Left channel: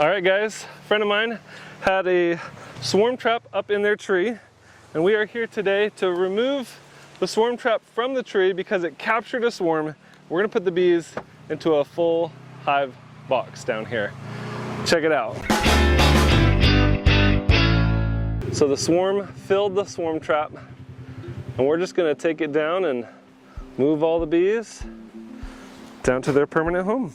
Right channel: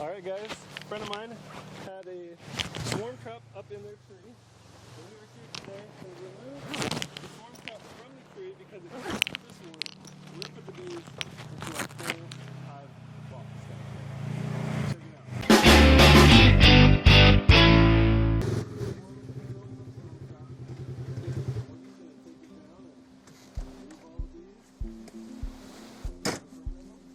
All right guys, a friend of mine had a swarm trap up in their tree, and we are here today to remove the swarm trap from the tree because it captured a swarm. We're gonna put the bees into a full hive box down here. Check it out. So the swarm filled the swarm trap, and we're just gonna take it down and move all the bees down to their permanent home.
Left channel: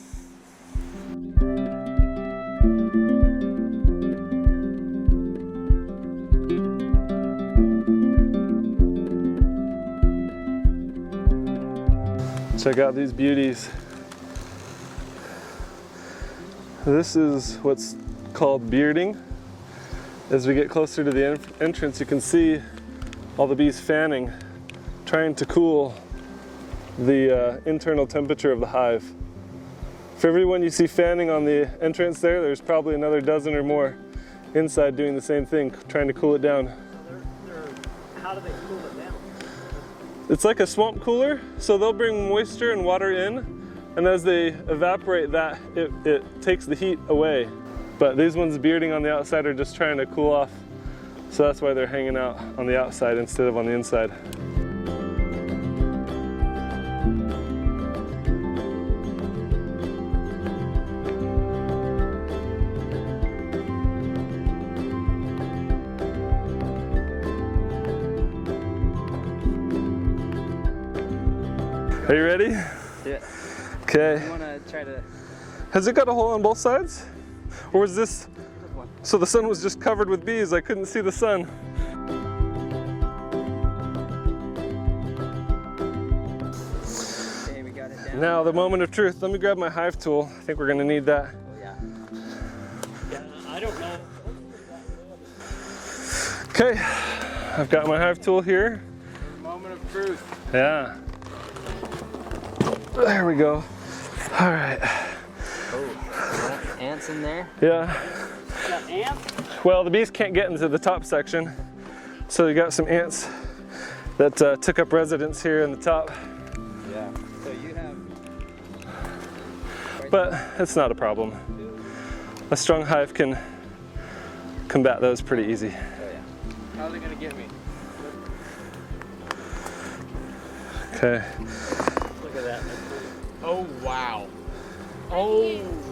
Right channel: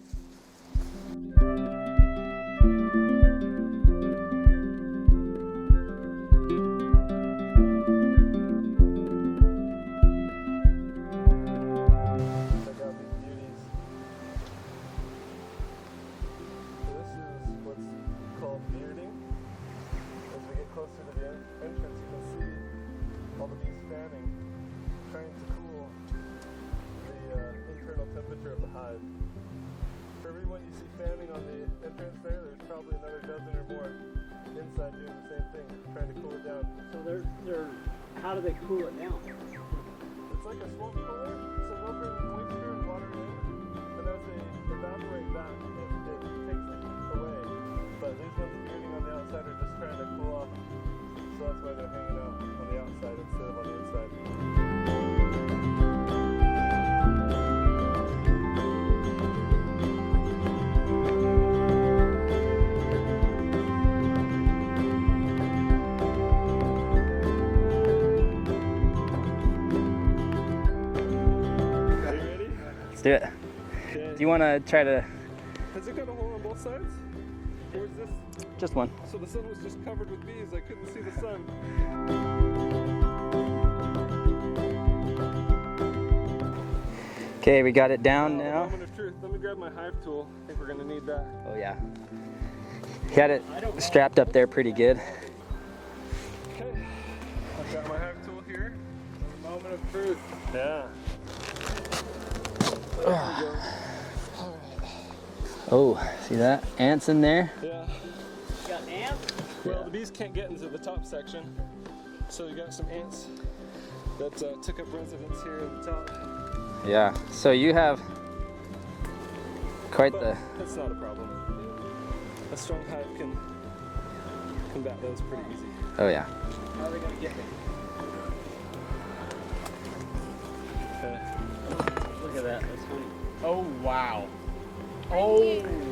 Check out these beauties. This is what's called bearding. As we get closer to the entrance, you can see all the bees fanning, trying to cool the internal temperature of the hive. For everyone you see fanning on the entrance there's probably another dozen or more inside doing the same thing, trying to cool it down. So how do they cool it down? It's like a swamp cooler, so they'll bring moisture and water in, and as they evaporate that, it takes the heat away. But these ones bearding on the outside are just trying to cool off, so that's why they're hanging out on the outside instead of on the inside. Are you ready? Let's do it. Okay. Do you want to try to... Has it got a hole on both sides? Or was this... Just one. So the sun was just covered with bees, I couldn't see the sun. Okay, we got it down Now the moment of truth. Let me grab my hive tool. I think we're gonna need that. Oh yeah. Got it strapped up there pretty good. Okay, I've got my hive tool here. Moment of truth. Yeah. There we go. All right. Oh, see that? Ants in there? Yeah. Got ants? Well, the bees can't get into the top section, so you got some ants that took up residence here in the top. Yeah. So you have quite But it's not a problem. A strong hive can combat those pretty easy. Oh yeah. How are they gonna get me? Okay. Oh wow. Oh.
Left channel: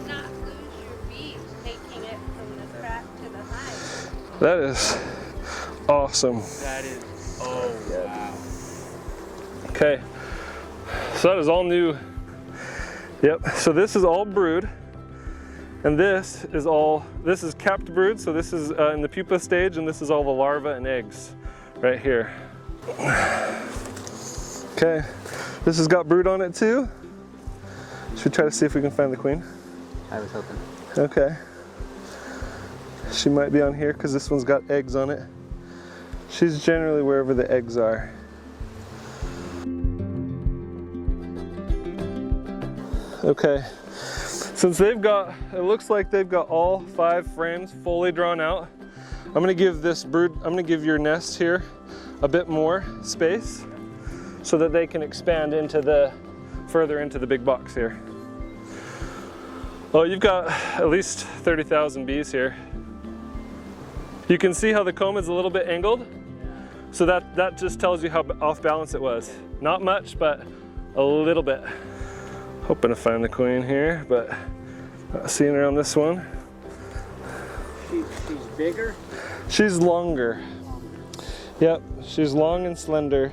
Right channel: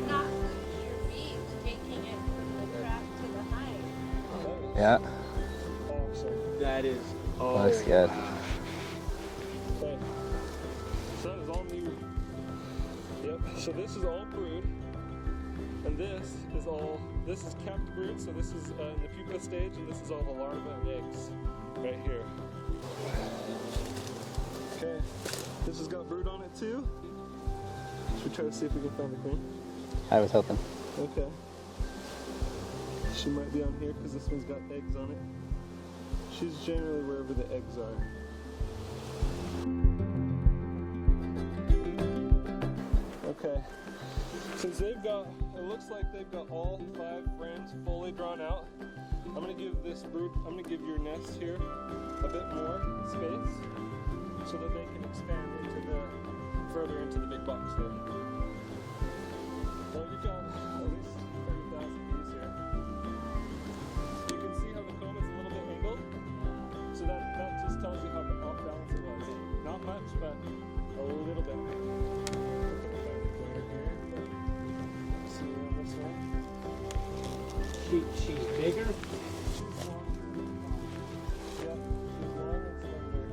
Not lose your bees, taking it from the trap to the hive. That is Yeah. awesome. That is. Oh That's good. wow. Okay. So that is all new. Yep. So this is all brood, and this is capped brood. So this is in the pupa stage, and this is all the larvae and eggs, right here. Okay. This has got brood on it too. Should we try to see if we can find the queen? I was hoping. Okay. She might be on here because this one's got eggs on it. She's generally wherever the eggs are. Okay. Since it looks like they've got all 5 frames fully drawn out, I'm gonna give your nest here a bit more space so that they can expand further into the big box here. Oh, you've got at least 30,000 bees here. You can see how the comb is a little bit angled, so that just tells you how off balance it was. Not much, but a little bit. Hoping to find the queen here, but not seeing her on this one. She's bigger? She's longer. Yep, she's long and slender.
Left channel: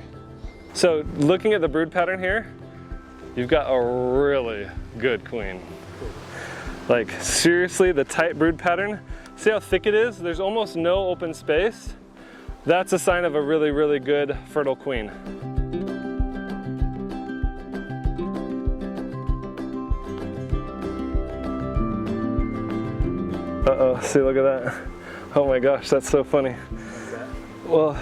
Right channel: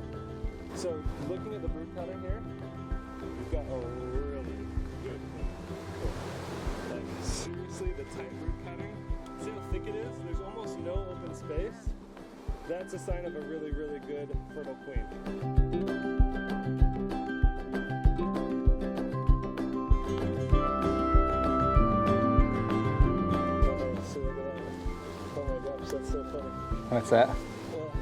So looking at the brood pattern here, you've got a really good queen. Like seriously, the tight brood pattern, see how thick it is? There's almost no open space. That's a sign of a really, really good fertile queen. Uh-oh, see, look at that. Oh my gosh, that's so funny. What's that? Well,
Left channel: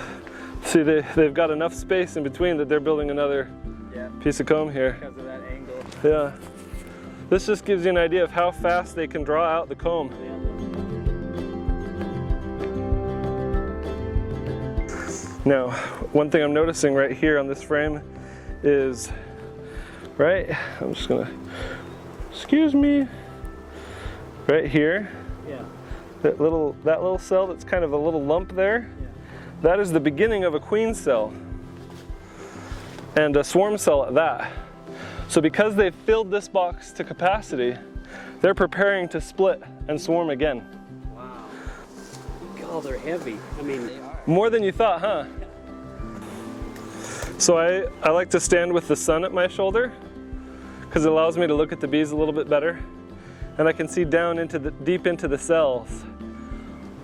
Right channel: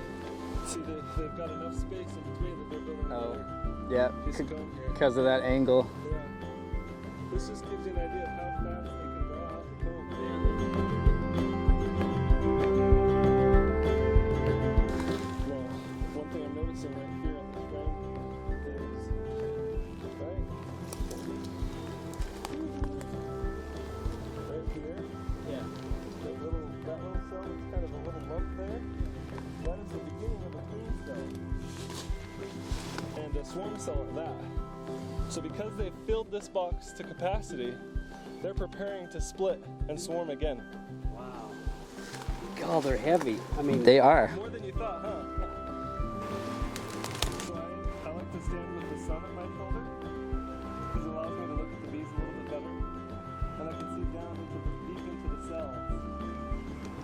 see, they've got enough space in between that they're building another piece of comb here. Because of that angle. Yeah. This just gives you an idea of how fast they can draw out the comb. Now, one thing I'm noticing right here on this frame is, I'm just gonna, excuse me, right here, that little cell that's kind of a little lump there, that is the beginning of a queen cell. And a swarm cell at that. So because they've filled this box to capacity, they're preparing to split and swarm again. Wow. God, they're heavy. I mean, They are. More than you thought, huh? So I like to stand with the sun at my shoulder because it allows me to look at the bees a little bit better. And I can see down into deep into the cells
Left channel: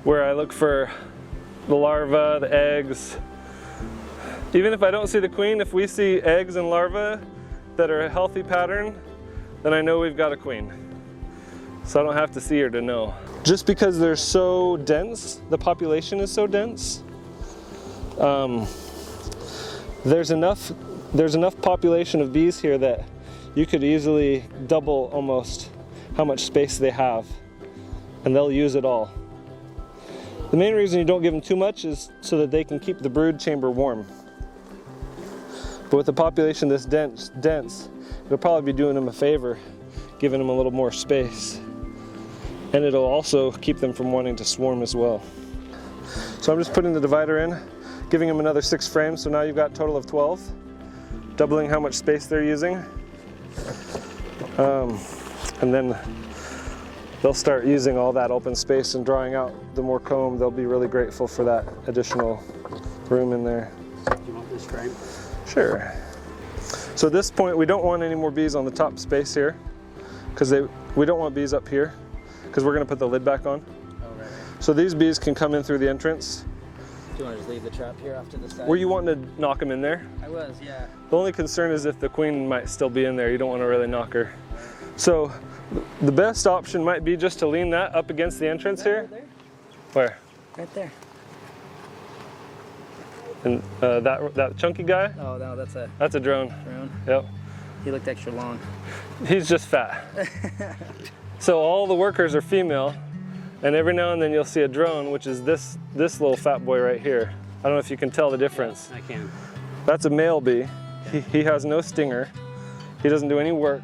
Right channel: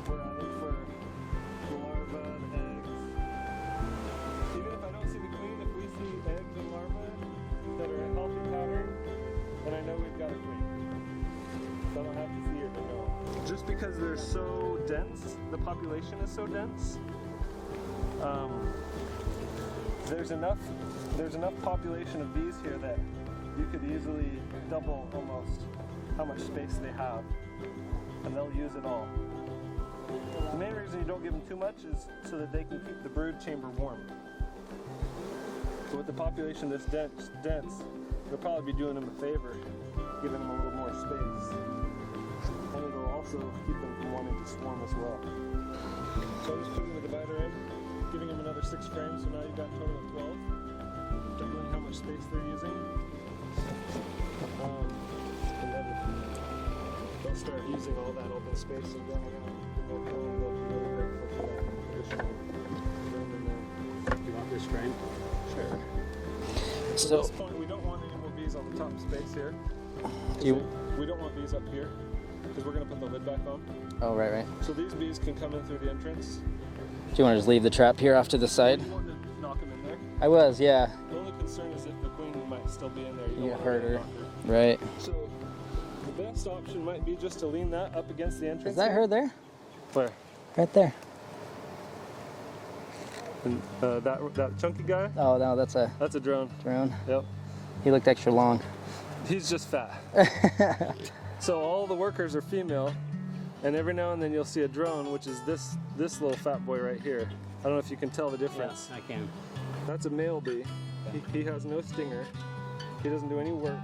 where I look for the larvae, the eggs. Even if I don't see the queen, if we see eggs and larvae that are a healthy pattern, then I know we've got a queen. So I don't have to see her to know. Just because they're so dense, the population is so dense, there's enough population of bees here that you could easily double almost how much space they have, and they'll use it all. The main reason you don't give them too much is so that they can keep the brood chamber warm. But with the population this dense, it'll probably be doing them a favor, giving them a little more space. And it'll also keep them from wanting to swarm as well. So I'm just putting the divider in, giving them another 6 frames, so now you've got a total of 12, doubling how much space they're using. And then they'll start using all that open space and drawing out the more comb. They'll be really grateful for that additional room in there. you want this frame? Sure. So at this point, we don't want any more bees on the top space here, because we don't want bees up here, because we're going to put the lid back on. Oh, right. So these bees can come in through the entrance. Do you want to just leave the trap here off to the side? Were you wanting to knock them in there? I was, yeah. The only concern is if the queen might still be in there. You don't want to really knock her. Right. So the best option might be just to lean that up against the entrance Is that here. her there? Where? Right there. And that chunky guy? Oh, no, that's a drone. drone. Yep. He looked extra long. He's just fat. So all the workers are female, and every now and then you'll see a drone, which is this little fat boy right here. I don't know if you can tell the difference. Yes, I can. That's a male bee. He has no stinger. He doesn't do any work.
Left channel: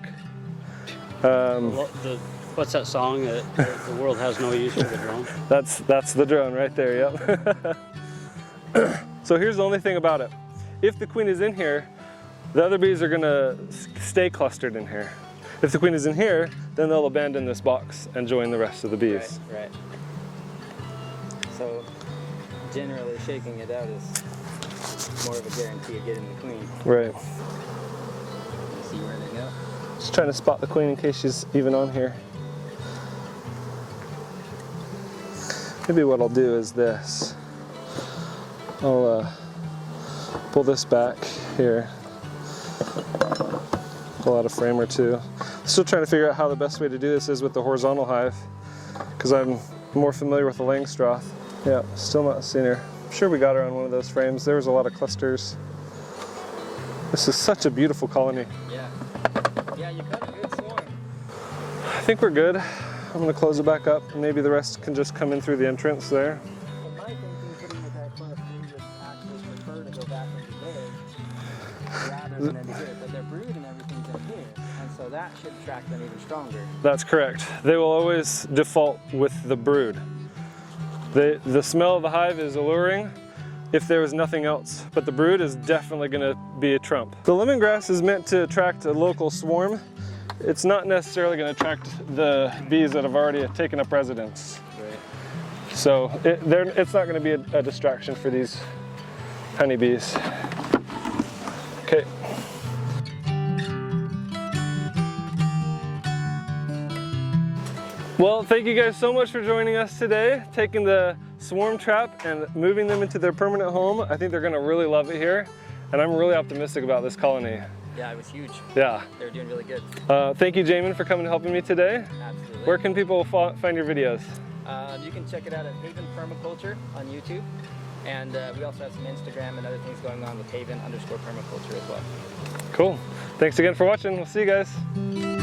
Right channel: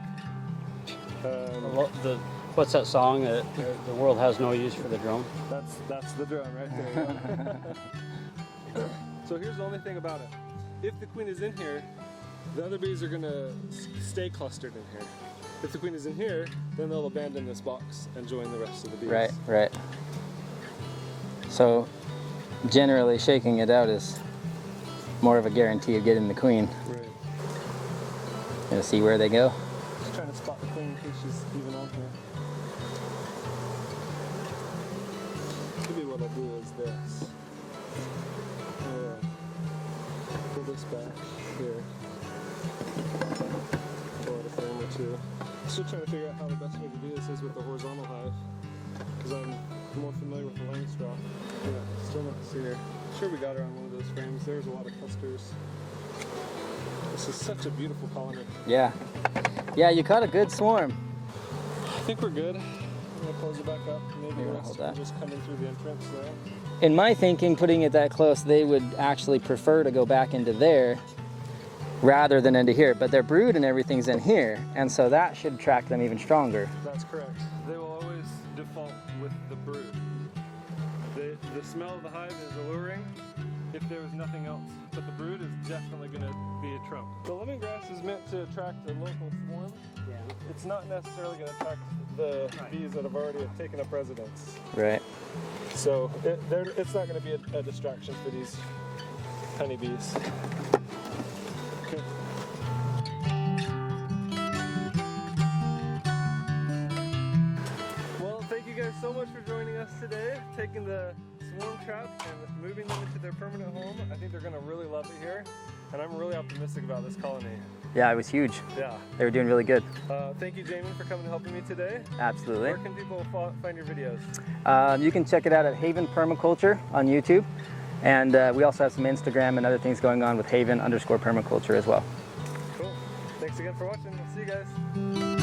What's that song? The world has no use for the drone. That's the drone right there, yep. So here's the only thing about it. If the queen is in here, the other bees are gonna stay clustered in here. If the queen is in here, then they'll abandon this box and join the rest of the bees. Right. So generally shaking it out is more of a guarantee of getting the queen. Right. Gonna see where they go. Just trying to spot the queen in case she's even on here. Maybe what I'll do is this. I'll pull this back here. Pull out a frame or two. Still trying to figure out how the best way to do this is with the horizontal hive, because I'm more familiar with the Langstroth. Yeah, still not seen her. I'm sure we got her on one of those frames. There was a lot of clusters. This is such a beautiful colony. Yeah. Yeah, you caught a good swarm. I think we're good. I'm gonna close it back up. Maybe the rest can just come in through the entrance there. In my thinking, putting it that close, they would actually prefer to go back into there rather than into here, but their brood and everything's in here, and so that should attract them even stronger. That's correct. They will always default with the brood. The smell of the hive is alluring if there was nothing else, but the brood is definitely going to be a trump. The lemongrass is meant to attract a local swarm. It's not necessarily going to attract the bees that have already taken up residence. Right. So it's not going to be a distraction for these honeybees. Okay. Well, thank you guys so much for joining us today, taking the swarm trap and moving them into their permanent home. I think they're going to really love it here, and I'm really optimistic about this colony. Yeah, it was huge. Yeah. They were doing really good. Thank you, Jamin, for coming and helping me today. Absolutely. Where can people find your videos? You can check it out at Haven Permaculture on YouTube, and we also have some Instagram and other things going on with Haven_permaculture as well. Cool. Thanks again for watching. We'll see you guys.